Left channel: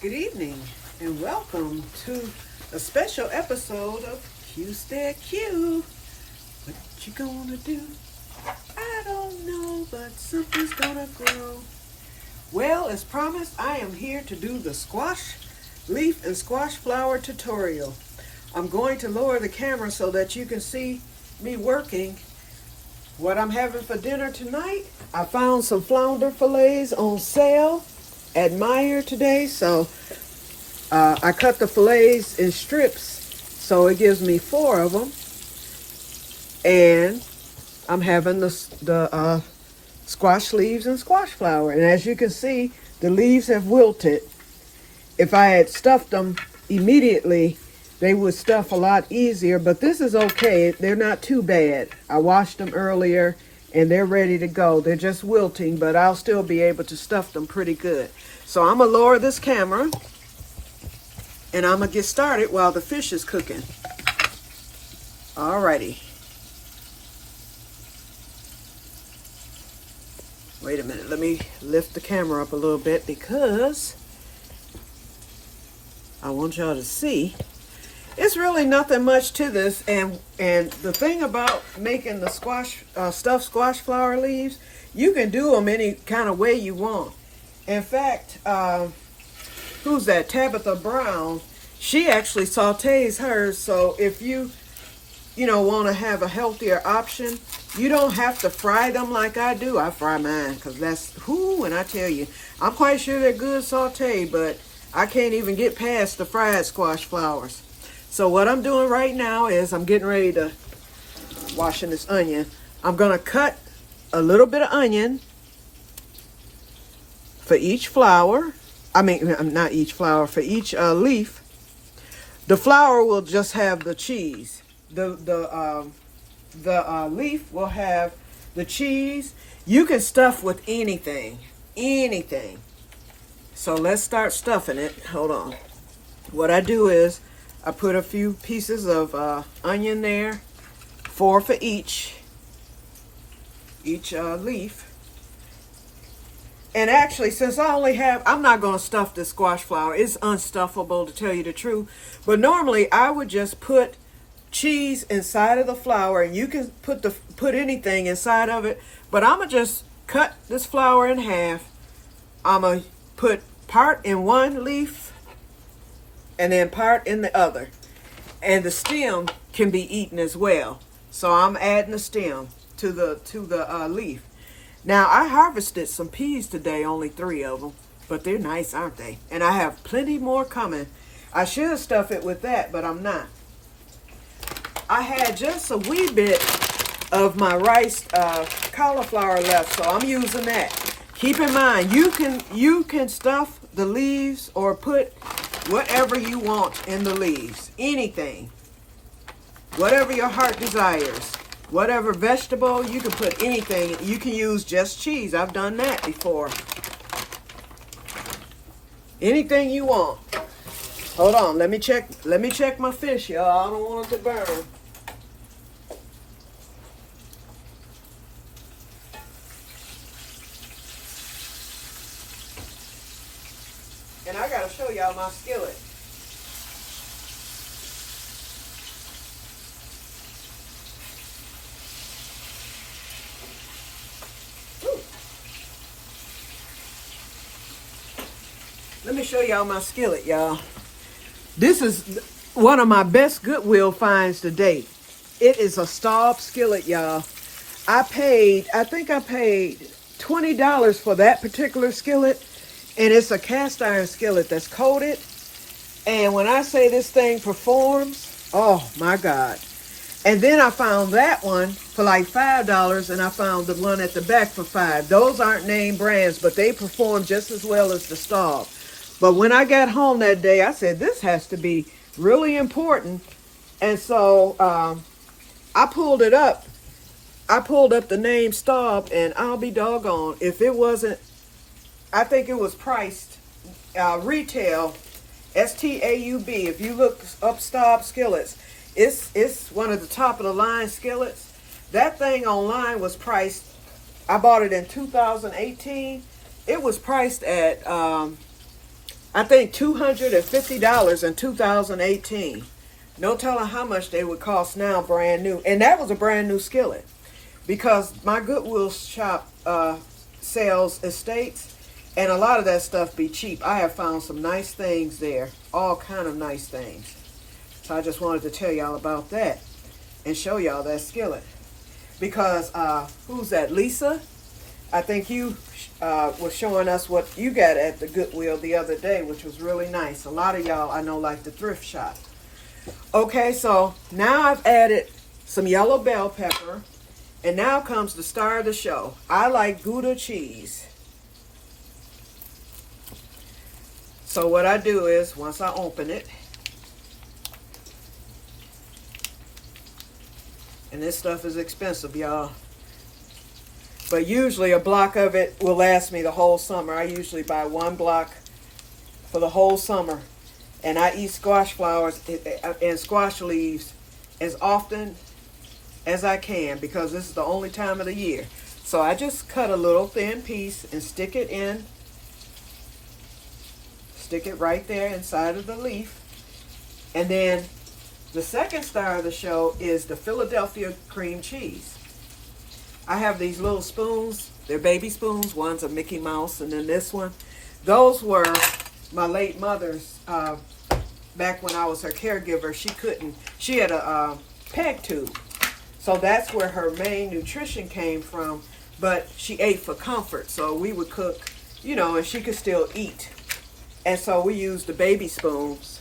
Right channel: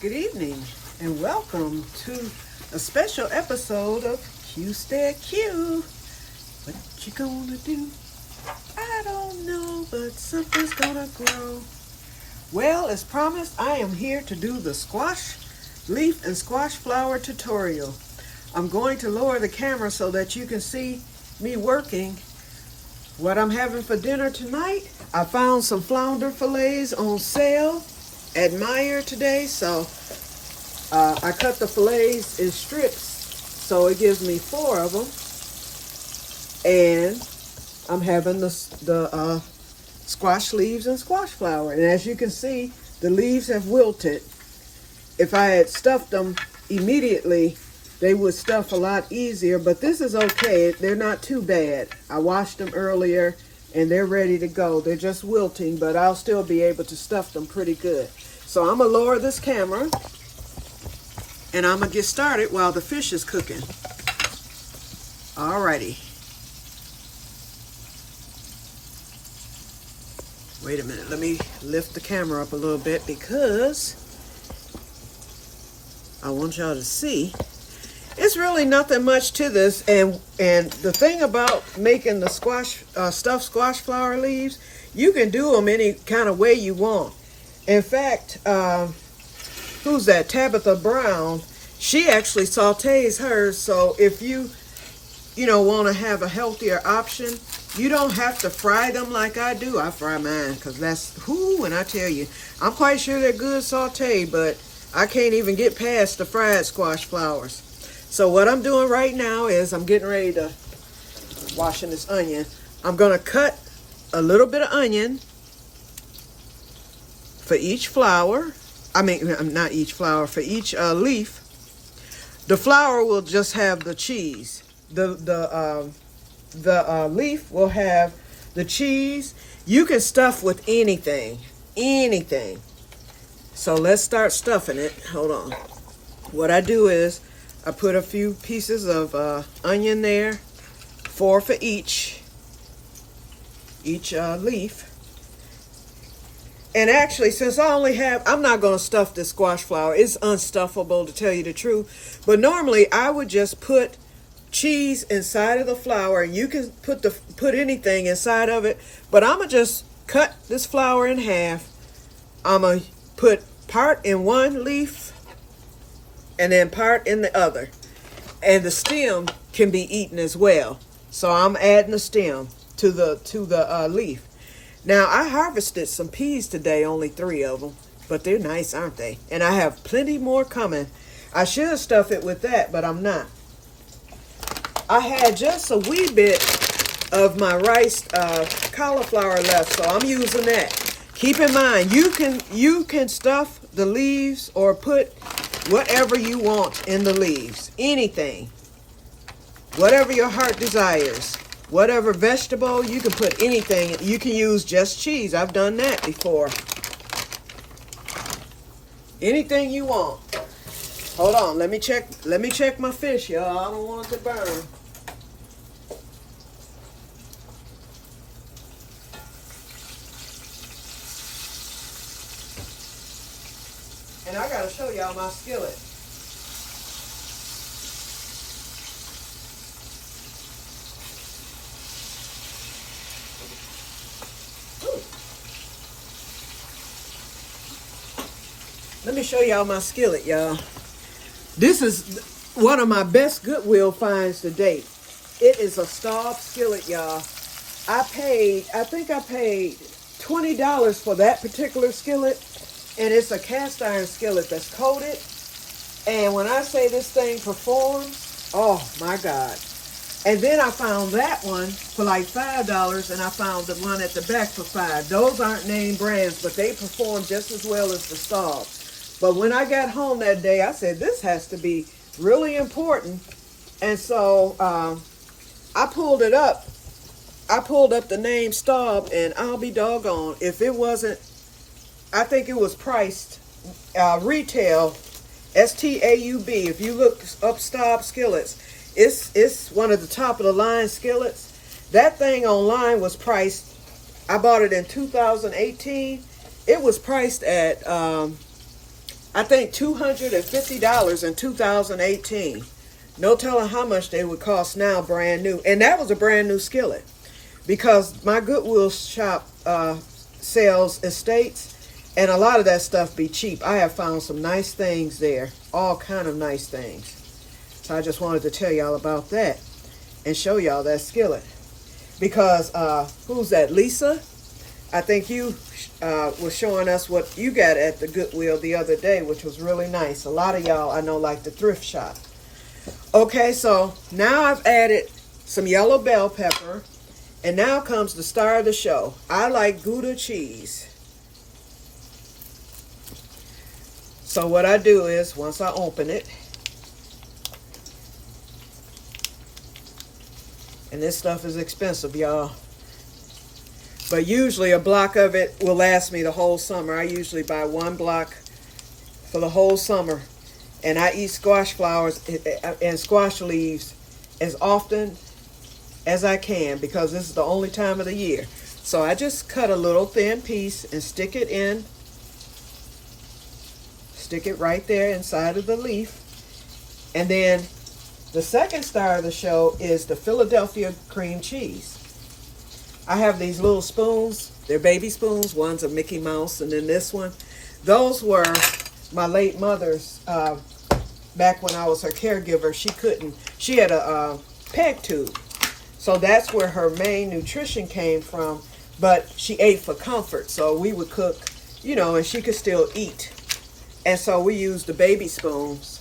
Good evening and welcome to a special episode of Que-stead-Que. What you gonna do? I don't know, but something's gonna grow. Well, as promised, I am here to do the squash leaf and squash flower tutorial. I'm going to lower the camera so that you can see me working. What I'm having for dinner tonight, I found some flounder fillets on sale at Meyer today, so I cut the fillets in strips, so it gives me 4 of them, and I'm having the squash leaves and squash flower, and as you can see, the leaves have wilted. If I had stuffed them immediately, they would stuff a lot easier, but this is okay. They're not too bad. I washed them earlier, and they're ready to go. They're just wilting, but I'll still be able to stuff them pretty good. So I'm going to lower this camera, and I'm going to get started while the fish is cooking. Alrighty. Wait a minute. Let me lift the camera up a little bit because I want y'all to see. It's really nothing much to this, and the thing about making the stuffed squash flower leaves, you can do them any kind of way you want. In fact, who's that? Tabitha Brown. She actually sautés hers. So if you want to have a healthier option, you don't have to fry them like I do. I fry mine because that's and I tell you, I'm quite sure they're good sauté, but I can't even get past the fried squash flowers. So what I'm doing right now is I'm getting ready to washing this onion. I'm gonna cut a little bit of onion for each flower. I mean, not each flower, for each leaf. The flower will just have the cheese. The leaf will have the cheese. You can stuff with anything. So let's start stuffing it. Hold on. What I do is I put a few pieces of onion there, 4 for each leaf. And actually, since I'm not going to stuff this squash flower. It's unstuffable, to tell you the truth. But normally, I would just put cheese inside of the flower, and you can put anything inside of it. But I'm going to just cut this flower in half. I'm going to put part in one leaf and then part in the other. And the stem can be eaten as well. So I'm adding the stem to the leaf. Now, I harvested some peas today, only 3 of them, but they're nice, aren't they? And I have plenty more coming. I should stuff it with that, but I'm not. I had just a wee bit of my rice cauliflower left, so I'm using that. Keep in mind, you can stuff the leaves or put whatever you want in the leaves. Anything. Whatever your heart desires. Whatever vegetable, you can put anything. You can use just cheese. I've done that before. Anything you want. Hold on, let me check my fish, y'all. I don't want it to burn. And I gotta show y'all my skillet. Let me show y'all my skillet, y'all. This is one of my best Goodwill finds to date. It is a Staub skillet, y'all. I think I paid $20 for that particular skillet, and it's a cast iron skillet that's coated. And when I say this thing performs, oh my God. And then I found that one for like $5, and I found the one at the back for $5. Those aren't name brands, but they perform just as well as the Staub. But when I got home that day, I said, this has to be really important. And so I pulled it up. I pulled up the name Staub, and I'll be doggone if it wasn't, I think it was priced retail, STAUB. If you look up Staub skillets, it's one of the top of the line skillets. That thing online was priced, I bought it in 2018. It was priced at I think $250 in 2018. No telling how much they would cost now brand new. And that was a brand new skillet. Because my Goodwill shop sells estates, and a lot of that stuff be cheap. I have found some nice things there. All kind of nice things. So I just wanted to tell y'all about that and show y'all that skillet. Because, who's that, Lisa? I think you was showing us what you got at the Goodwill the other day, which was really nice. A lot of y'all I know like the thrift shop. Okay, so now I've added some yellow bell pepper. And now comes the star of the show. I like Gouda cheese. So what I do is, once I open it, and this stuff is expensive, y'all. But usually a block of it will last me the whole summer. I usually buy one block for the whole summer. And I eat squash flowers and squash leaves as often as I can, because this is the only time of the year. So I just cut a little thin piece and stick it right there inside of the leaf. And then the second star of the show is the Philadelphia cream cheese. I have these little spoons. They're baby spoons. One's a Mickey Mouse, and then this one. Those were my late mother's. Back when I was her caregiver, she had a peg tube. So that's where her main nutrition came from, but she ate for comfort. So we would cook, and she could still eat. And so we used the baby spoons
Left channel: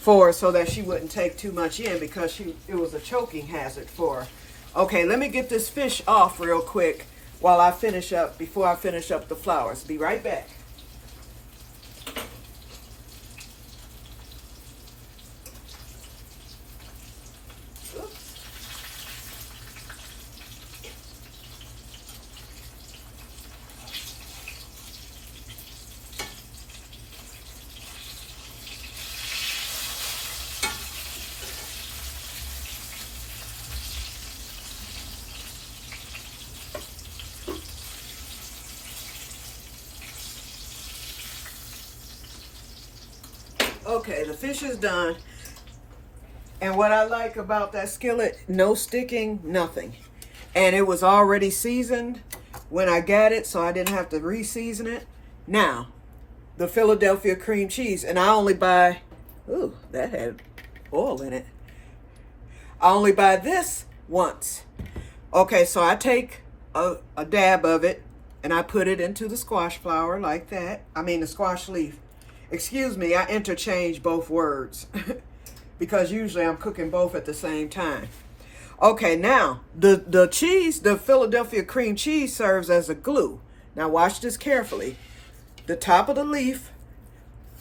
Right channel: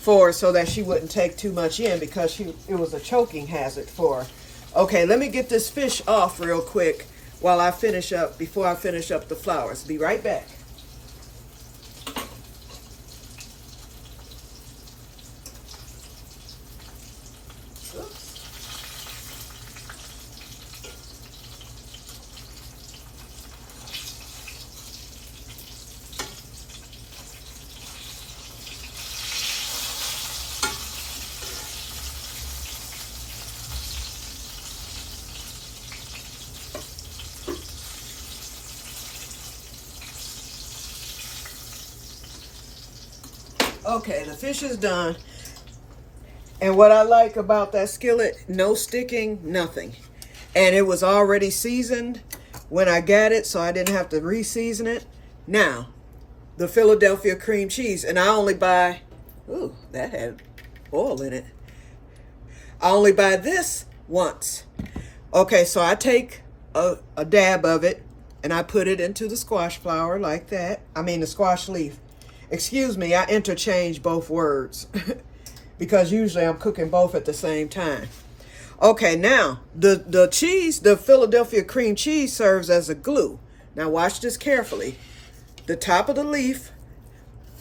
so that she wouldn't take too much in, because it was a choking hazard for her. Okay, let me get this fish off real quick before I finish up the flowers. Be right back. Okay, the fish is done. And what I like about that skillet, no sticking, nothing. And it was already seasoned when I got it, so I didn't have to re-season it. Now, the Philadelphia cream cheese. And I only buy, ooh, that had oil in it. I only buy this once. Okay, so I take a dab of it, and I put it into the squash flower like that. I mean the squash leaf. Excuse me, I interchange both words because usually I'm cooking both at the same time. Okay, now the cheese, the Philadelphia cream cheese, serves as a glue. Now watch this carefully. The top of the leaf,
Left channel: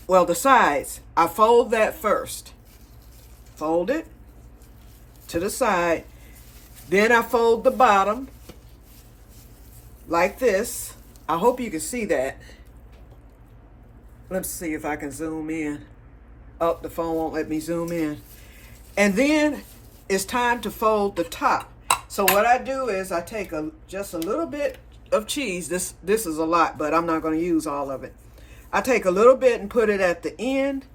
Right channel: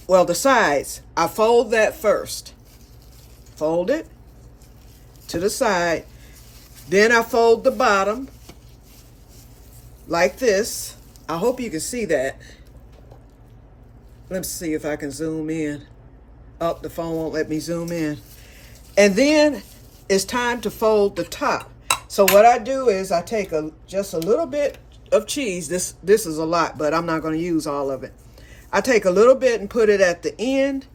well, the sides, I fold that first. Fold it to the side. Then I fold the bottom like this. I hope you can see that. Let's see if I can zoom in. Oh, the phone won't let me zoom in. And then it's time to fold the top. So what I do is I take just a little bit of cheese. This is a lot, but I'm not going to use all of it. I take a little bit and put it at the end,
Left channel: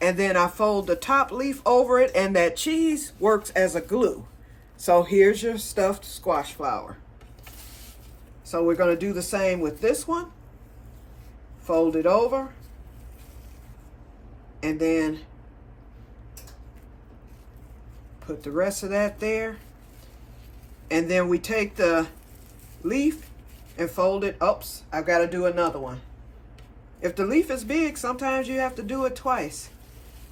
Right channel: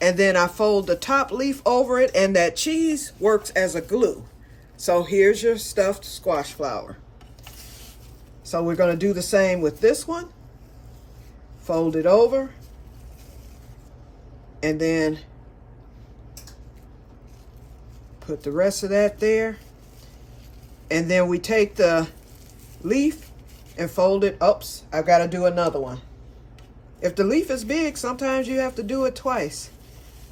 and then I fold the top leaf over it, and that cheese works as a glue. So here's your stuffed squash flower. So we're going to do the same with this one. Fold it over. And then put the rest of that there. And then we take the leaf and fold it. Oops, I've got to do another one. If the leaf is big, sometimes you have to do it twice.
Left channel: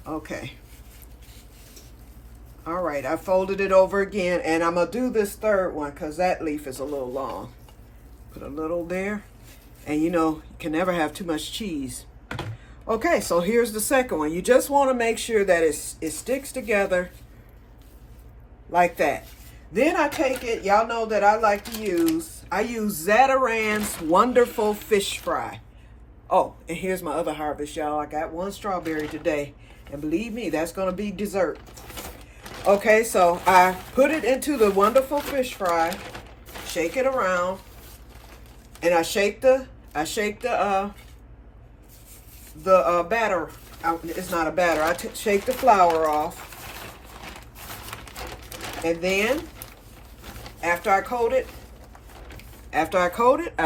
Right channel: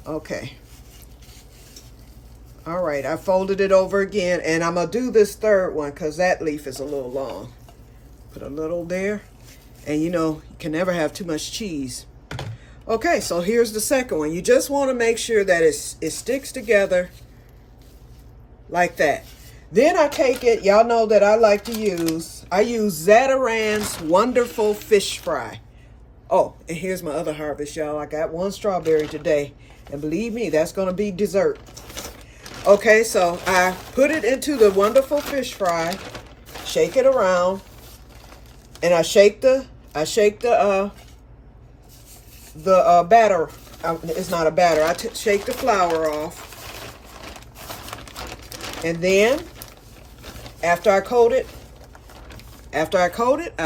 Okay. All right, I folded it over again, and I'm going to do this third one because that leaf is a little long. Put a little there. And you can never have too much cheese. Okay, so here's the second one. You just want to make sure that it sticks together like that. Then I take it, y'all know that I use Zatarain's Wonderful Fish Fry. Oh, and here's my other harvest, y'all. I got one strawberry today. And believe me, that's going to be dessert. Okay, so I put it into the Wonderful Fish Fry. Shake it around. And I shake the the batter. It's not a batter. I shake the flour off. And then, after I coat it, I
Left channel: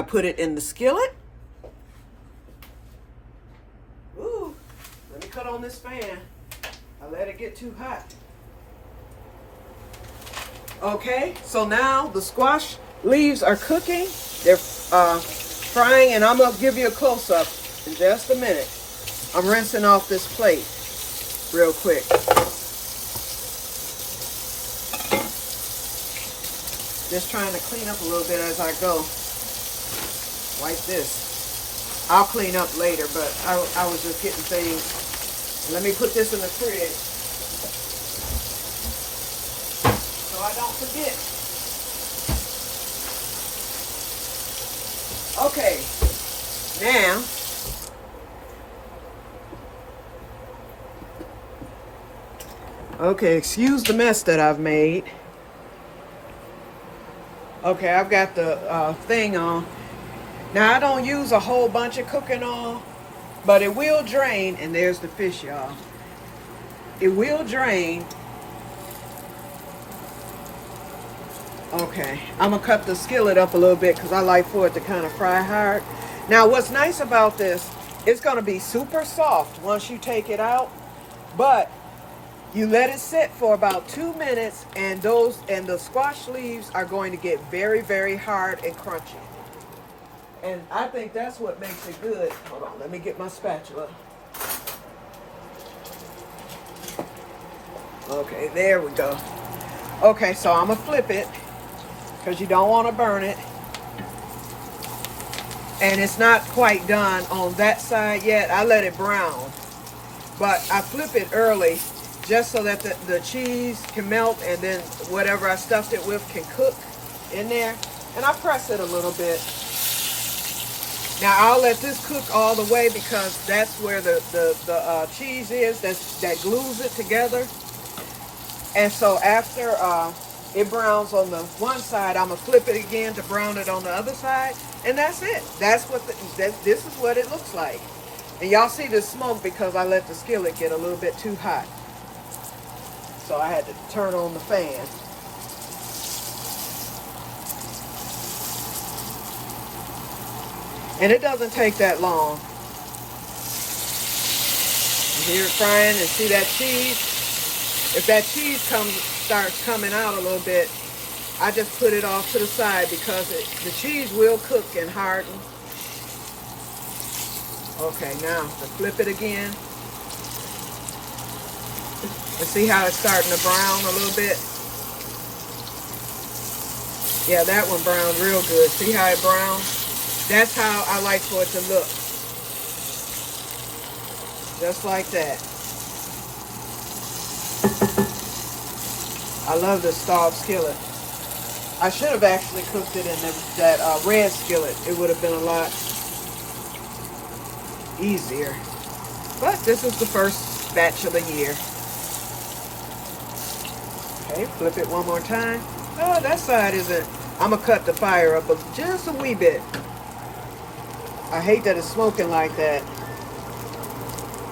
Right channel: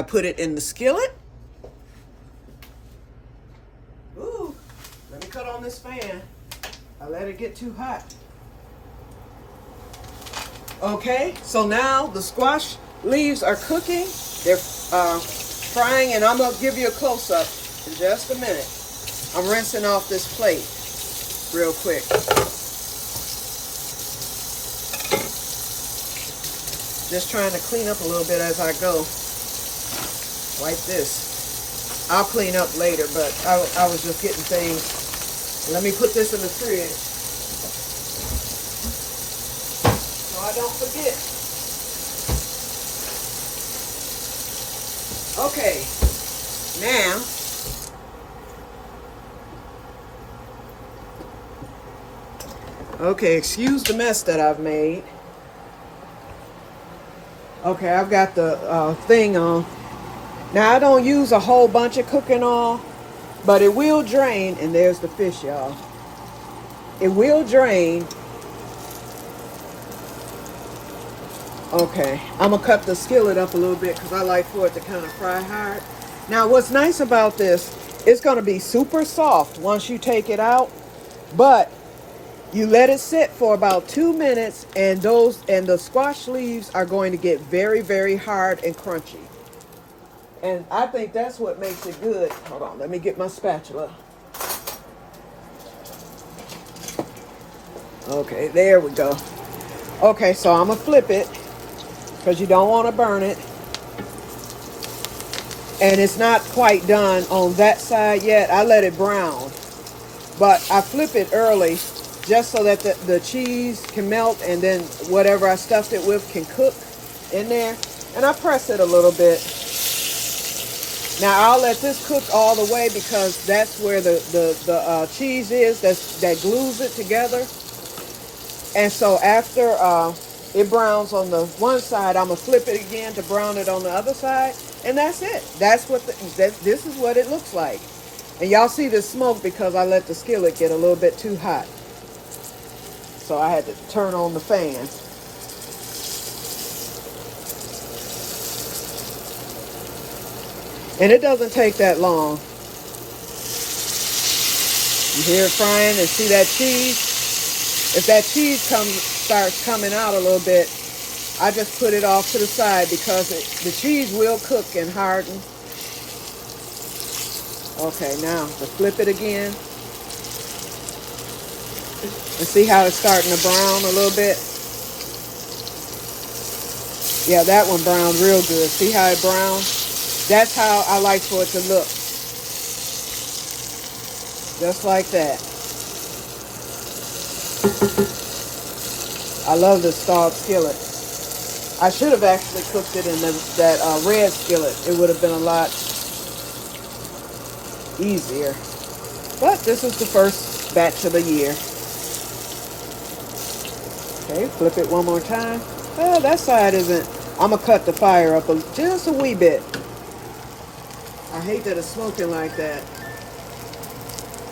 put it in the skillet. Ooh, let me cut on this fan. I let it get too hot. Okay, so now the squash leaves are cooking. They're frying, and I'm gonna give you a close-up in just a minute. I'm rinsing off this plate real quick. Just trying to clean up a little bit as I go. Wipe this. I'll clean up later, but I was just getting things. Let me put this in the fridge so I don't forget. Okay, now okay, excuse the mess that I've made. Okay, I've got the thing on. Now, I don't use a whole bunch of cooking oil, but it will drain. And there's the fish, y'all. It will drain. Okay, I'm going to cut the skillet up a little bit because I like for it to kind of fry hard. Now, what's nice about this, it's going to be super soft once you take it out. But you let it sit for about 2 minutes, and the squash leaves are going to get very, very hard and crunchy. And I think that's what makes it good. Hold on, let me get my spatula. Okay, there we go. Okay, so I'm gonna flip it because you don't want to burn it. And it's not quite done on that side yet. I let it brown, but I flip it early just so that the cheese can melt, and then whatever I stuffed it with can cook in there. And I press it a little bit. Now I'll let this cook all the way because that's where the cheese is that glues it together. And so after it browns on the one side, I'm gonna flip it again to brown it on the other side, and that's it. That's what this is what it looks like. And y'all see the smoke because I let the skillet get a little bit too hot. So I had to turn on the fan. And it doesn't take that long. You hear it frying and see that cheese? If that cheese starts coming out a little bit, I just put it off to the side because the cheese will cook and harden. Okay, now let's flip it again. And see how it's starting to brown a little bit? Yeah, that one browned real good. See how it browned? That's how I like for it to look. Just like that. I love this starved skillet. I should have actually cooked it in that red skillet. It would have been a lot easier. But this is the first batch of the year. Okay, flip it one more time. Oh, that side isn't. I'm going to cut the fire up just a wee bit. I hate that it's smoking like that.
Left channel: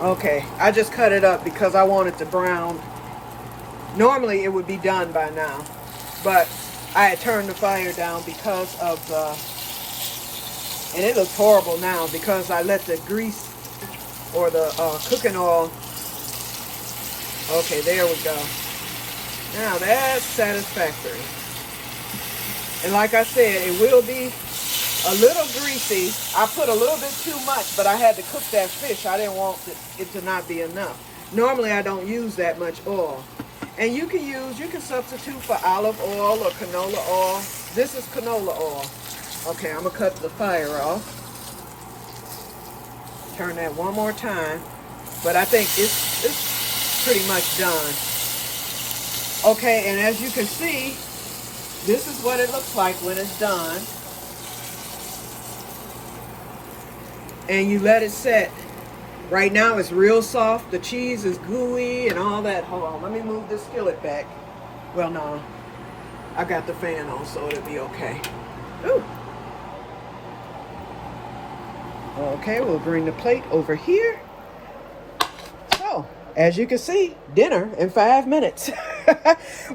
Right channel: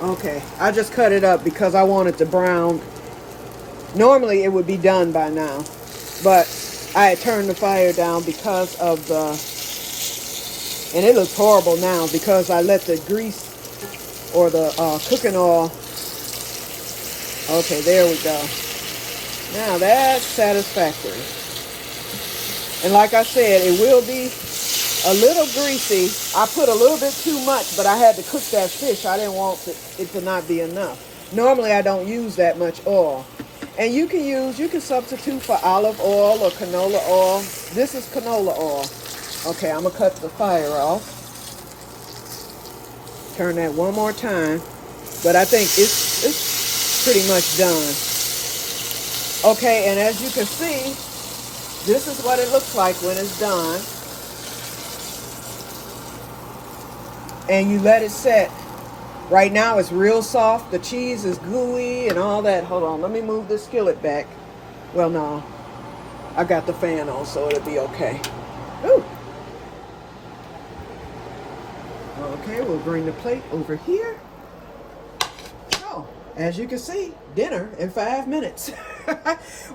Okay, I just cut it up because I want it to brown. Normally it would be done by now, but I had turned the fire down because of the, and it looks horrible now because I let the grease or the cooking oil. Okay, there we go. Now that's satisfactory. And like I said, it will be a little greasy. I put a little bit too much, but I had to cook that fish. I didn't want it to not be enough. Normally I don't use that much oil. And you can substitute for olive oil or canola oil. This is canola oil. Okay, I'm gonna cut the fire off. Turn that one more time. But I think it's pretty much done. Okay, and as you can see, this is what it looks like when it's done. And you let it set. Right now it's real soft. The cheese is gooey and all that. Hold on, let me move this skillet back. Well, no, I got the fan on, so it'll be okay. Ooh. Okay, we'll bring the plate over here. as you can see, dinner in 5 minutes.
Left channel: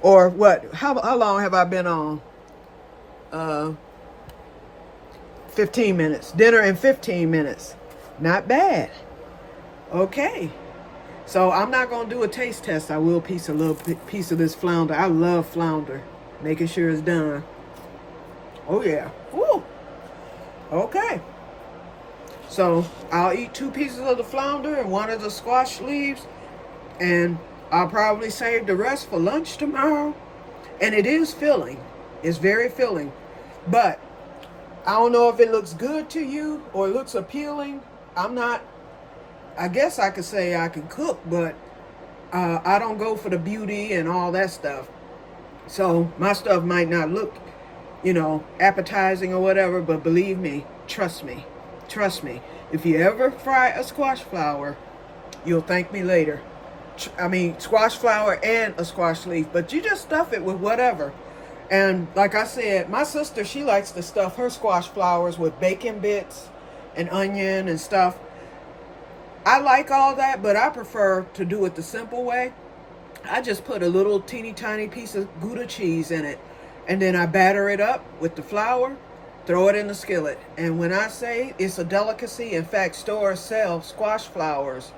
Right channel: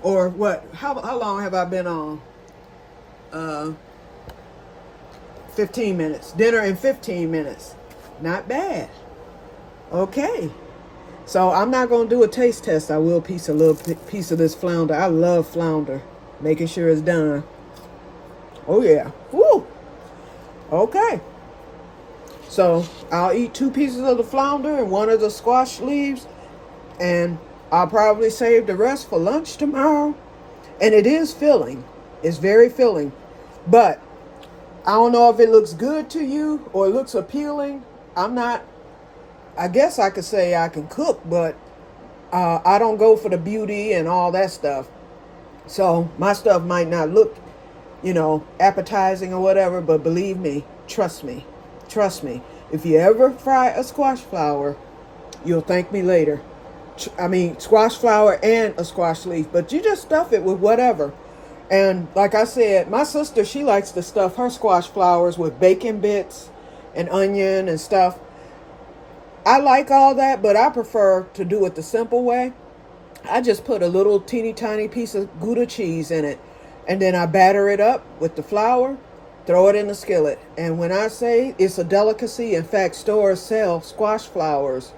Or what? How long have I been on? 15 minutes. Dinner in 15 minutes. Not bad. Okay. So I'm not going to do a taste test. I will piece a little piece of this flounder. I love flounder. Making sure it's done. Oh, yeah. Woo. Okay. So I'll eat 2 pieces of the flounder and 1 of the squash leaves. And I'll probably save the rest for lunch tomorrow. And it is filling. It's very filling. But I don't know if it looks good to you or looks appealing. I guess I could say I can cook, but I don't go for the beauty and all that stuff. So my stuff might not look, appetizing or whatever, but believe me, trust me, if you ever fry a squash flower, you'll thank me later. Squash flower and a squash leaf, but you just stuff it with whatever. And like I said, my sister, she likes to stuff her squash flowers with bacon bits and onion and stuff. I like all that, but I prefer to do it the simple way. I just put a little teeny tiny piece of Gouda cheese in it, and then I batter it up with the flour, throw it in the skillet. And when I say it's a delicacy, in fact, stores sell squash flowers.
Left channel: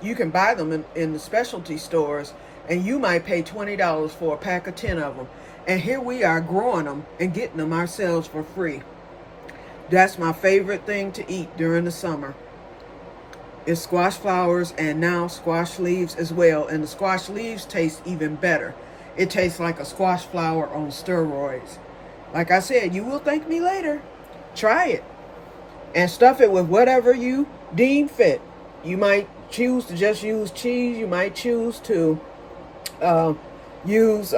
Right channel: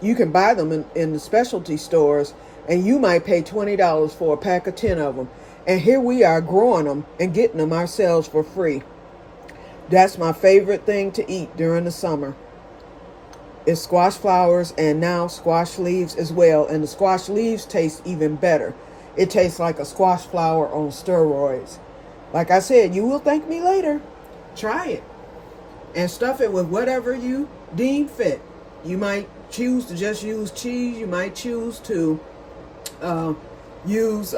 You can buy them in the specialty stores, and you might pay $20 for a pack of 10 of them. And here we are growing them and getting them ourselves for free. That's my favorite thing to eat during the summer. It's squash flowers and now squash leaves as well. And the squash leaves taste even better. It tastes like a squash flower on steroids. Like I said, you will thank me later. Try it. And stuff it with whatever you deem fit. You might choose to just use cheese. You might choose to use,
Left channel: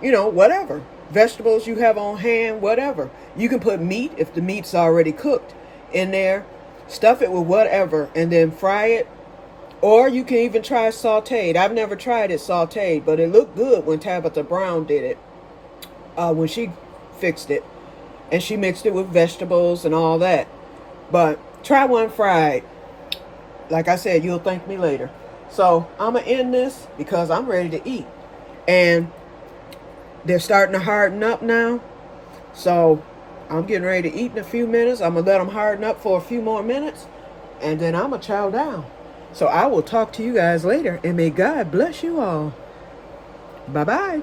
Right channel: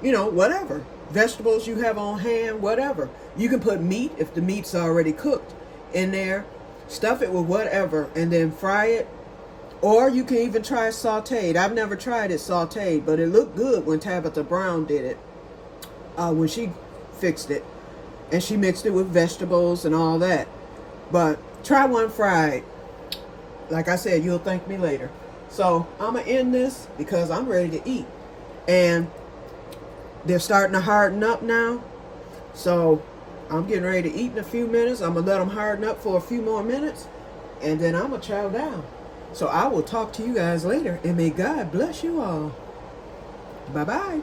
whatever. Vegetables you have on hand, whatever. You can put meat if the meat's already cooked in there. Stuff it with whatever and then fry it. Or you can even try sauteed. I've never tried it sauteed, but it looked good when Tabitha Brown did it. When she fixed it. And she mixed it with vegetables and all that. But try one fried. Like I said, you'll thank me later. So I'm going to end this because I'm ready to eat. And they're starting to harden up now. So I'm getting ready to eat in a few minutes. I'm going to let them harden up for a few more minutes. And then I'm going to chow down. So I will talk to you guys later. And may God bless you all. Bye-bye.